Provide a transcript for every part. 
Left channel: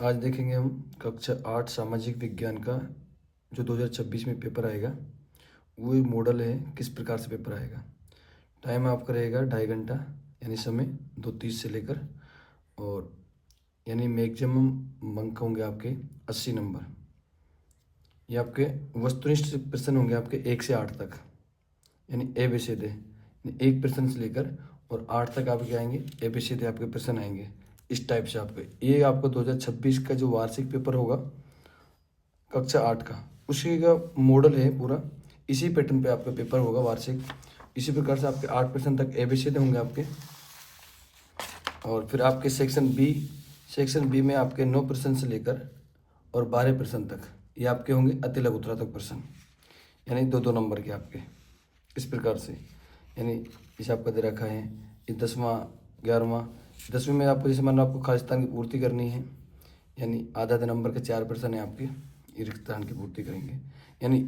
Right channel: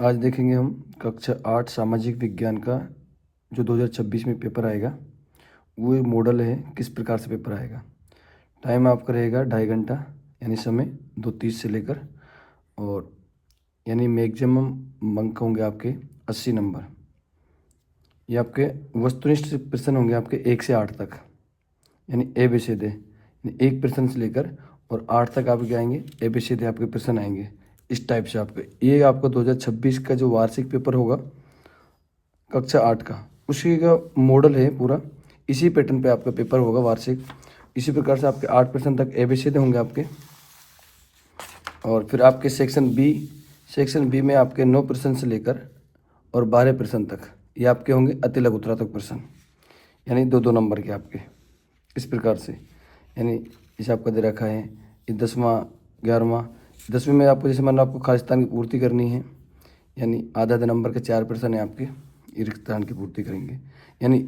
आज देखेंगे हम कक्षा 8 सामाजिक विज्ञान का जो 2026 में पेपर आएगा, वो मॉडल है किस प्रकार से पेपर आएगा। टाइम आपका रहेगा 2.5 घंटा, यानी समय 2:30 से लेकर, और यानी मैक्सिमम अंक होंगे आपके 80 नंबर। ये आपके वस्तुनिष्ठ प्रश्न होंगे आपके 1 से 8 तक, यानी ए बी सी डी, यानी 1 प्रश्न से लेकर और 8 तक आपके आएंगे ए बी सी डी आपके प्रश्न आएंगे। इस टाइप से आपके ये आपका 2026 का जो वार्षिक पेपर होगा कक्षा 8 का, उसी का मॉडल है पूरा। इसी पैटर्न पे आपका पेपर होगा वार्षिक। इसी प्रकार से आपके 8 प्रश्न तक एबीसीडी होंगे आपके। और फिर आपके सेक्शन बी में आपके 9 प्रश्न से लेकर और 12 प्रश्न तक ये आपके होंगे अति लघुतरात्मक प्रश्न, यानी 2-2 नंबर के आपके। इस प्रकार से यानी इसे आपका दे रखा है ये 10वां 11वां। 10वीं में आपको जैसे मान लो आपको खालिस्तान की पूर्ति करनी है, यानी आधा नंबर के 4 प्रश्न है आपके, ये रिक्त स्थान की पूर्ति करेंगे। यानी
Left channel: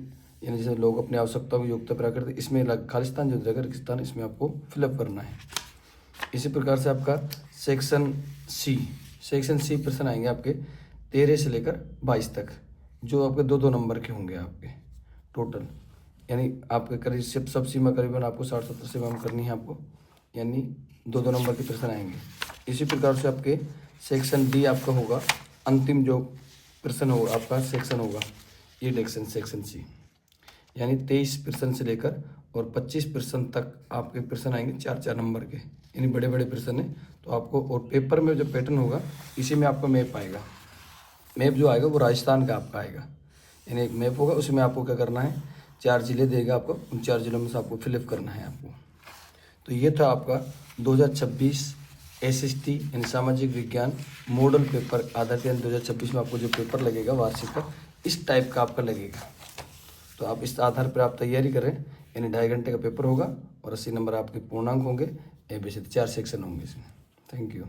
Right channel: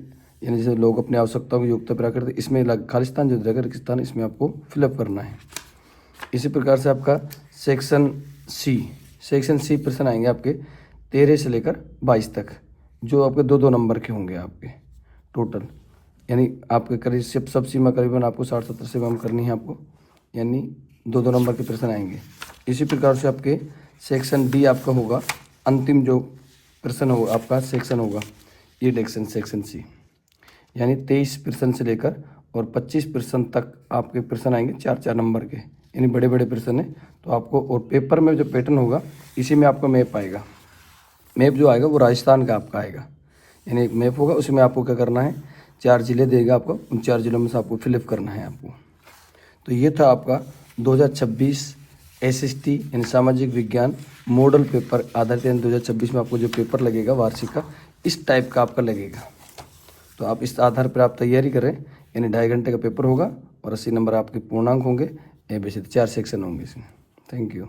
जैसे लोग अपनी आवश्यकताओं की योग्यता पूरा करते, इसमें खालिस्तान जो जगह रिक्त स्थान इसमें आपको फिलअप करना है। इसी प्रकार से आपका सेक्शन सी प्रश्न आएंगे आपके 13 से लेकर 22 तक, जो आपके 2-2 नंबर के होंगे आपके टोटल। यानी आपके करीब सब सीमा करीबन आपको 60-70 से कम करनी है आपको, यानी 2-2 नंबर के प्रश्न आएंगे। इसी प्रकार से आपके सेक्शन डी आपका होगा, अंतिम जो प्रश्न होगा आपका सेक्शन होगा ये सेक्शन सी, यानी 23 प्रश्न से लेकर और 25 प्रश्न तक आपके प्रश्न आएंगे 4-4 नंबर के, यानी बड़े बड़े प्रश्न है। तो आपको और पेपर में जो पैटर्न होगा इसी में आपका मैप आएगा। मैप जो आएगा वो राजस्थान का आपका आएगा, यानी एक मैप होगा, उसमें आपको क्या करना है 4 जिले देगा आपको, उन 4 जिलों में से आपको फिलअप करना है आपको। तो ये था आपका 2026 एसएसटी यानी सामाजिक विज्ञान मॉडल पेपर आधारित, यानी 2026 में आपको जो पेपर लगेगा वार्षिक का इस टाइप का आपका लगेगा। तो आप इस आधार पर आप तैयारी करें, यानी 2.5 घंटे का पेपर होगा और 80 नंबर आपके पूर्णांक होंगे। एबीसी 4 सेक्शन होंगे इसमें। Thank you.